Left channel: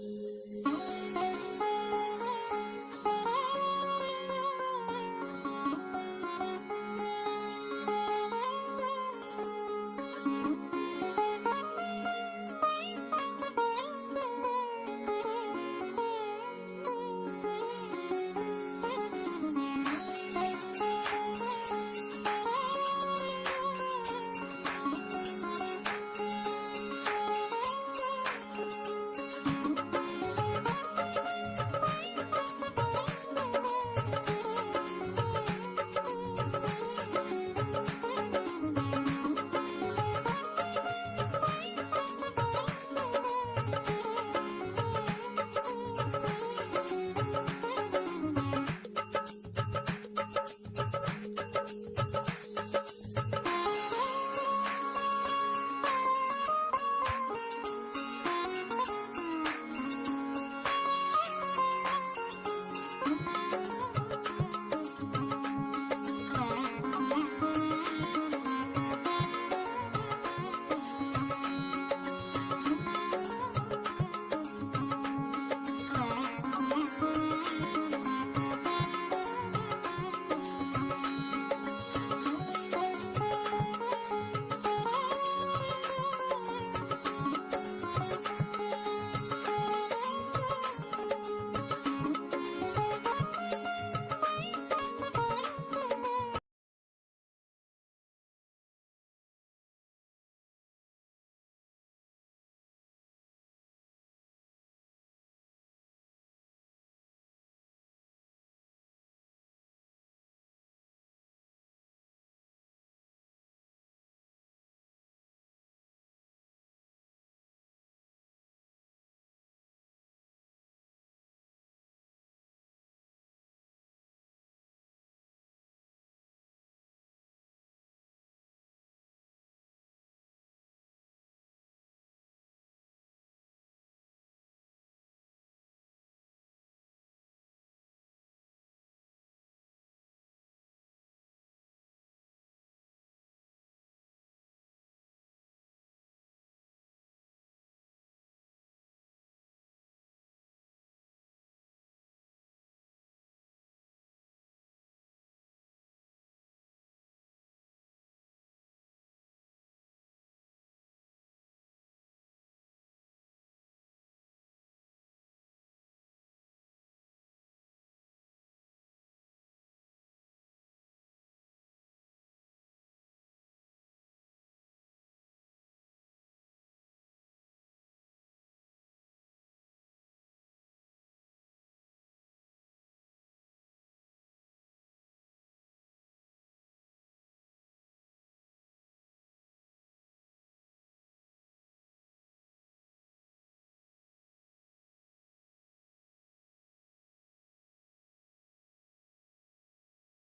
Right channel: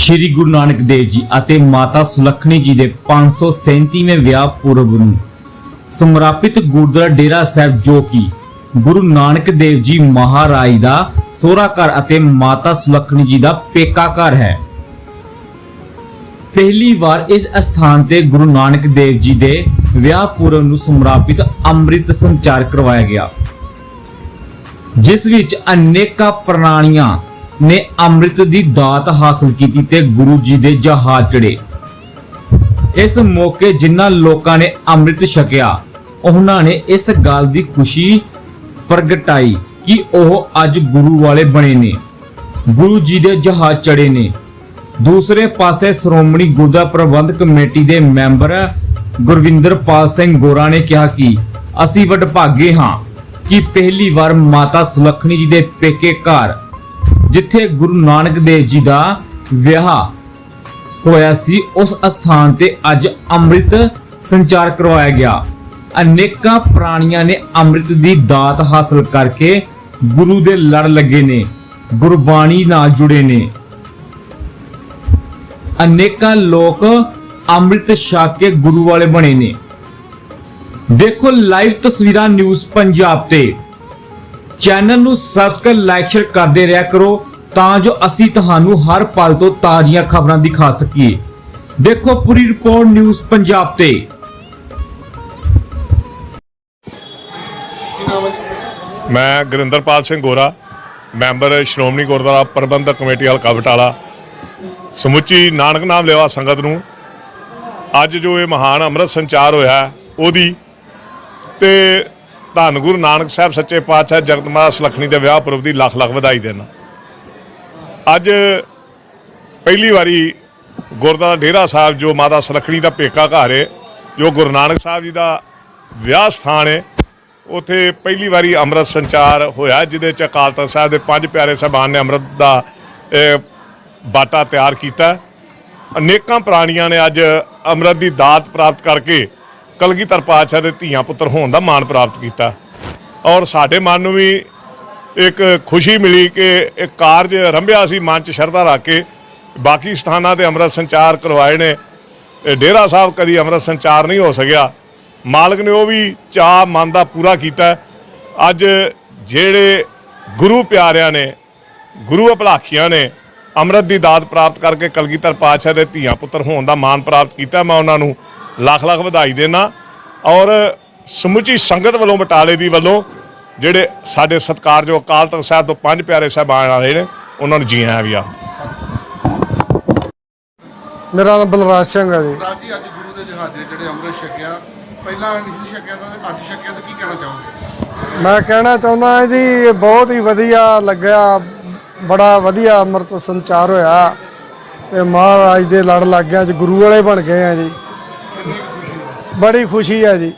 ਸ੍ਰੀ ਗੁਰੂ ਨਾਨਕ ਦੇਵ ਜੀ ਅਤੇ ਮਾਤਾ ਸੁਲੱਖਣੀ ਜੀ ਦੇ 537ਵੇਂ ਵਿਆਹ ਪੁਰਬ ਨੂੰ ਸਮਰਪਿਤ ਗੁਰਦੁਆਰਾ ਡੇਰਾ ਸਾਹਿਬ ਜੋ ਕਿ ਗੁਰੂ ਨਾਨਕ ਦੇਵ ਜੀ ਮਹਾਰਾਜ ਦਾ ਸੋਹਰਾ ਘਰ ਅਤੇ ਮਾਤਾ ਸੁਲੱਖਣੀ ਜੀ ਦਾ ਪੇਕਾ ਘਰ ਹੈ। ਪਹਿਲੀ ਵਾਰ ਇਸ ਸਥਾਨ ਤੇ ਗੁਰੂ ਨਾਨਕ ਦੇਵ ਜੀ ਦੇ ਵਿਆਹ ਪੁਰਬ ਨੂੰ ਸਮਰਪਿਤ ਅੰਮ੍ਰਿਤ ਸੰਚਾਰ ਕਰਵਾਇਆ ਗਿਆ। ਜਿਸ ਵਿੱਚ ਅਨੇਕਾਂ ਪ੍ਰਣਾਲੀਆਂ ਨੇ ਅੰਮ੍ਰਿਤ ਦੀ ਦਾਤ ਹਾਸਲ ਕੀਤੀ ਤੇ ਗੁਰੂ ਜੀ ਦੇ ਜਹਾਜ਼ ਚੜੇ ਇਸ ਮੌਕੇ ਜਿਨ੍ਹਾਂ ਲੋਕਾਂ ਨੇ ਅੰਮ੍ਰਿਤ ਛਕਿਆ, ਉਹਨਾਂ ਨੇ ਇਸ ਗੱਲ ਦੀ ਖੁਸ਼ੀ ਪ੍ਰਗਟਾਈ ਕਿ ਉਹ ਅੱਜ ਗੁਰੂ ਵਾਲੇ ਬਣੇ ਨੇ, ਗੁਰੂ ਜੀ ਦੇ ਜਹਾਜ਼ ਚੜੇ ਨੇ। ਦੂਸਰੇ ਪਾਸੇ ਸ਼੍ਰੋਮਣੀ ਗੁਰਦੁਆਰਾ ਪ੍ਰਬੰਧਕ ਕਮੇਟੀ ਦੇ ਮੈਂਬਰ ਗੁਰਵਿੰਦਰਪਾਲ ਸਿੰਘ ਗੋਰਾ ਨੇ ਕਿਹਾ ਕਿ ਅਸੀਂ ਵਡਭਾਗੇ ਹਾਂ ਕਿ ਪਹਿਲੀ ਵਾਰ ਮਾਤਾ ਸੁਲੱਖਣੀ ਜੀ ਦੇ ਪੇਕੇ ਘਰ ਜਿੱਥੇ ਗੁਰੂ ਨਾਨਕ ਦੇਵ ਜੀ ਦਾ ਵਿਆਹ ਹੋਇਆ ਸੀ, ਉਸ ਅਸਥਾਨ ਤੇ ਅੱਜ ਅੰਮ੍ਰਿਤ ਸੰਚਾਰ ਕਰਵਾਇਆ ਗਿਆ। ਅਨੇਕਾਂ ਪ੍ਰਾਣੀਆਂ ਨੇ ਅੰਮ੍ਰਿਤ ਦੀ ਦਾਤ ਹਾਸਲ ਕਰਕੇ ਗੁਰੂ ਦੇ ਲੜ ਲੱਗੇ ਨੇ, ਗੁਰਬਾਣੀ ਨਾਲ ਜੁੜੇ ਨੇ। ਅਨੇਕਾਂ ਲੋਕ ਅੰਮ੍ਰਿਤ ਛਕ ਕੇ ਗੁਰੂ ਵਾਲੇ ਬਣੇ ਨੇ। ਦੇਖੋ ਲਾਈਵ ਤਸਵੀਰਾਂ ਨਿਊਜ਼ ਪੰਜਾਬ ਤੇ। ਚੈਨਲ ਨੂੰ ਸਬਸਕ੍ਰਾਈਬ ਲਾਈਕ ਸ਼ੇਅਰ ਕਰਦੇ ਰਿਹਾ ਕਰੋ ਤਾਂ ਜੋ ਅਸੀਂ ਤੁਹਾਨੂੰ ਹਰ ਪਲ ਤੋਂ ਤਾਜ਼ੀਆਂ ਖਬਰਾਂ ਦਿਖਾ ਸਕੀਏ। ਦੇਖੋ ਪੂਰੀ ਰਿਪੋਰਟ ਨਿਊਜ਼ ਪੰਜਾਬ ਤੇ। ਮੈਂ ਗੁਰਿੰਦਰਪਾਲ ਸਿੰਘ ਗੋਰਾ, ਮੈਂਬਰ ਸ਼੍ਰੋਮਣੀ ਗੁਰਦੁਆਰਾ ਪ੍ਰਬੰਧਕ ਕਮੇਟੀ ਹਲਕਾ ਬਟਾਲਾ, ਸਮੁੱਚੀ ਨਾਨਕ ਨਾਮ ਲੈਵਾ ਸੰਗਤ ਨੂੰ ਅੱਜ ਜੋ ਇਹ ਮਹਾਨ ਅੰਮ੍ਰਿਤ ਸੰਚਾਰ ਹੋਇਆ ਉਹਦੀ ਤੇ ਧੰਨ ਗੁਰੂ ਨਾਨਕ ਸਾਹਿਬ ਸੱਚੇ ਪਾਤਸ਼ਾਹ ਜਗਤ ਮਾਤਾ ਸੁਲੱਖਣੀ ਦੇ ਵਿਆਹ ਪੁਰਬ ਦੀ ਲੱਖ ਲੱਖ ਵਧਾਈ ਦੇਣਾ। ਅੱਜ ਪਹਿਲੀ ਵਾਰੀ ਗੁਰਦੁਆਰਾ ਡੇਰਾ ਸਾਹਿਬ, ਜੋ ਮਾਤਾ ਸੁਲੱਖਣੀ ਦਾ ਪੇਕਾ ਘਰ ਹੈ ਜੋ ਗੁਰੂ ਨਾਨਕ ਸਾਹਿਬ ਜੀ ਦਾ ਵਿਆਹ ਸਥਾਨ ਹੈ ਉਥੇ ਪਹਿਲੀ ਵਾਰੀ ਅੰਮ੍ਰਿਤ ਸੰਚਾਰ ਹੋਇਆ, ਜਿਹਦੇ ਚ ਅਕਾਲ ਤਖਤ ਸਾਹਿਬ ਦੇ ਪੰਜ ਪਿਆਰੇ ਸਾਹਿਬਾਨ ਨੇ ਅੰਮ੍ਰਿਤ ਦਾ ਬਾਟਾ ਤਿਆਰ ਕੀਤਾ। ਅਨੇਕਾਂ ਪ੍ਰਾਣੀਆਂ ਨੇ ਅੱਜ ਅੰਮ੍ਰਿਤ ਦੀ ਦਾਤ ਪ੍ਰਾਪਤ ਕਰਕੇ ਕਲਗੀਧਰ ਪਾਤਸ਼ਾਹ ਦੇ ਧੀਆਂ ਪੁੱਤਰ ਹੋਣ ਦਾ ਮਾਣ ਪ੍ਰਾਪਤ ਕੀਤਾ। ਔਰ ਸਾਡੇ ਮਨ ਨੂੰ ਵੀ ਇੱਕ ਖੁਸ਼ੀ ਮਿਲੀ ਕਿ ਇਹ ਕਾਰਜ ਰੰਭਿਆ ਸੀ, ਮਨ ਚ ਸ਼ਰਧਾ ਰੱਖ ਕੇ। ਬਾਕੀ ਸਥਾਨਾਂ ਤੇ ਅੰਮ੍ਰਿਤ ਸੰਚਾਰ ਕਰਵਾਏ ਨੇ। ਇਹ ਡੇਰਾ ਸਾਹਿਬ ਕਦੀ ਅੰਮ੍ਰਿਤ ਸੰਚਾਰ ਨਹੀਂ ਹੋ ਸਕਿਆ। ਮਾਲਕ ਨੇ ਉਹ ਵੀ ਚਾਹ ਮਨ ਦਾ ਪੂਰਾ ਕੀਤਾ। ਅੱਜ ਜਿਹੜੇ ਗੁਰੂ ਪਿਆਰਿਆਂ ਨੇ, ਗੁਰੂ ਅਭਲਾਖੀਆਂ ਨੇ ਅੰਮ੍ਰਿਤ ਦੀ ਦਾਤ ਪ੍ਰਾਪਤ ਕਰਕੇ ਕਲਗੀਧਰ ਪਾਤਸ਼ਾਹ ਦੇ ਧੀਆਂ ਪੁੱਤਰ ਹੋਣ ਦਾ ਮਾਣ ਪ੍ਰਾਪਤ ਕੀਤਾ, ਮੈਂ ਉਹਨਾਂ ਨੂੰ ਲੱਖ ਲੱਖ ਵਧਾਈ ਦੇਣਾ ਔਰ ਸਮੁੱਚੀ ਸੰਗਤ ਵੱਲੋਂ ਬਟਾਲੇ ਦੀ ਵੱਲੋਂ ਜਿਹੜੇ ਸਾਡੇ ਸਤਿਕਾਰਯੋਗ ਅਕਾਲ ਤਖਤ ਸਾਹਿਬ ਤੋਂ ਪੰਜ ਪਿਆਰੇ ਸਾਹਿਬਾਨ ਆਏ ਨੇ ਉਹਨਾਂ ਨੂੰ ਜੀ ਆਇਆਂ ਵੀ ਆ। ਮੇਰਾ ਨਾਮ ਬਲਰਾਜ ਸਿੰਘ ਹੈ ਜੀ। ਰਾਜੀ ਅੱਜ ਗੁਰੂ ਦੇ ਜਹਾਜ਼ੇ ਜਿਹੜੇ ਅੰਮ੍ਰਿਤ ਛਕਿਆ ਪਹਿਲਾਂ ਨਹੀਂ ਸੀ ਛਕਿਆ ਤਾਂ ਅੱਜ ਛਕਿਆ ਤਾਂ ਕੀ ਕਹਿਣਾ ਚਾਹੋਗੇ? ਮੈਂ ਕਹਿਣਾ ਚਾਹੁੰਦਾ ਹਾਂ ਜੀ ਇਹ ਬਹੁਤ ਹੀ ਵਧੀਆ ਲੱਗਿਆ ਬੜਾ ਵਧੀਆ ਅੰਮ੍ਰਿਤ ਸੰਚਾਰ ਹੋਇਆ ਤੇ ਮਹਾਰਾਜ ਦੇ ਲੜ ਲੱਗ ਗਿਆ ਅੱਜ ਗੁਰੂ ਵਾਲੇ ਬਣ ਗਏ ਆ ਜੀ। ਬੜੀ ਖੁਸ਼ੀ ਹੈ ਜੀ।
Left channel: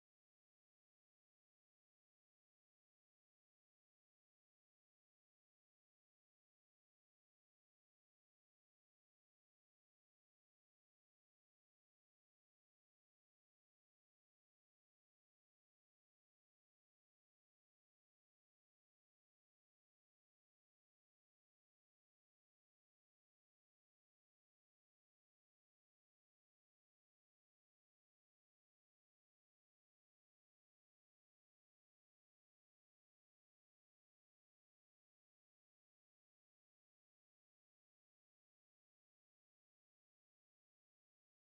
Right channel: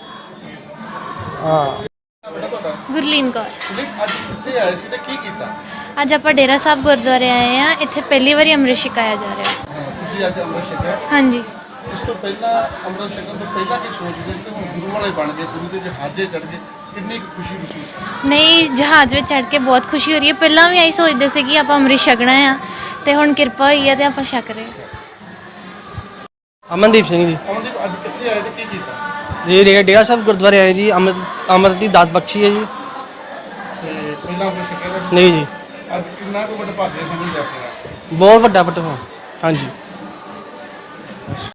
ਗੁਰਲੀਨ ਕੌਰ। ਅੱਜ ਕਿੱਥੇ ਆਏ ਸੀ ਤੇ ਕੀ ਕੀਤਾ? ਅੱਜ ਆਪਾਂ ਡੇਰਾ ਸਾਹਿਬ ਗੁਰਦੁਆਰੇ ਆਏ ਆ ਇੱਥੇ ਪਹਿਲੀ ਵਾਰੀ ਅੰਮ੍ਰਿਤ ਛਕਾਇਆ ਜਾ ਰਿਹਾ। ਹਾਂ, ਤੁਸੀਂ ਅੱਜ ਅੰਮ੍ਰਿਤ ਛਕਿਆ? ਹਾਂਜੀ। ਇਸ ਤੋਂ ਪਹਿਲਾਂ ਅੰਮ੍ਰਿਤ ਛਕਣ ਤੋਂ ਪਹਿਲਾਂ ਕੀ ਸੋਚਦੇ ਸੀ ਤੇ ਹੁਣ ਗੁਰੂ ਵਾਲੇ ਬਣ ਗਏ ਗੁਰੂ ਦੇ ਜਹਾਜ਼ੇ ਚੜ ਗਏ। ਕਿੰਨੀ ਕੁ ਖੁਸ਼ੀ ਮਹਿਸੂਸ ਨਹੀਂ ਜਹਾਜ਼ ਵਿੱਚ ਚੜ ਕੇ ਬਹੁਤ ਖੁਸ਼ੀ ਹੋ ਰਹੀ ਹੈ। ਪਹਿਲਾਂ ਵੀ ਆਈ ਸੋਚਦੇ ਸੀ ਕਿ ਆਪਾਂ ਅੰਮ੍ਰਿਤ ਛਕਣਾ ਆ ਤੇ ਹੁਣ ਕਿਰਪਾ ਹੋਈ ਹੈ ਤੇ ਆਪਾਂ ਛਕ ਰਹੇ ਹਾਂ। ਅਮਨਦੀਪ ਸਿੰਘ ਜੀ। ਕਿੱਥੇ ਆਏ ਤੇ ਕੀ ਕੀਤਾ? ਜੀ ਡੇਰਾ ਡੇਰਾ ਸਾਹਿਬ ਗੁਰਦੁਆਰੇ ਆਏ ਜੀ ਅੰਮ੍ਰਿਤ ਅੰਮ੍ਰਿਤ ਦੀ ਦਾਤ ਬਖਸ਼ੀ ਹੈ ਜੀ। ਤੇ ਪਹਿਲਾਂ ਨਹੀਂ ਜੀ। ਅੱਜ ਕਿੰਨਾ ਕੁ ਵੱਡਾ ਭਾਗਿਆ ਸਮਝਦੇ ਆਪਣਾ ਬਹੁਤ ਵੱਡਾ ਪਟ ਹਾਂਜੀ।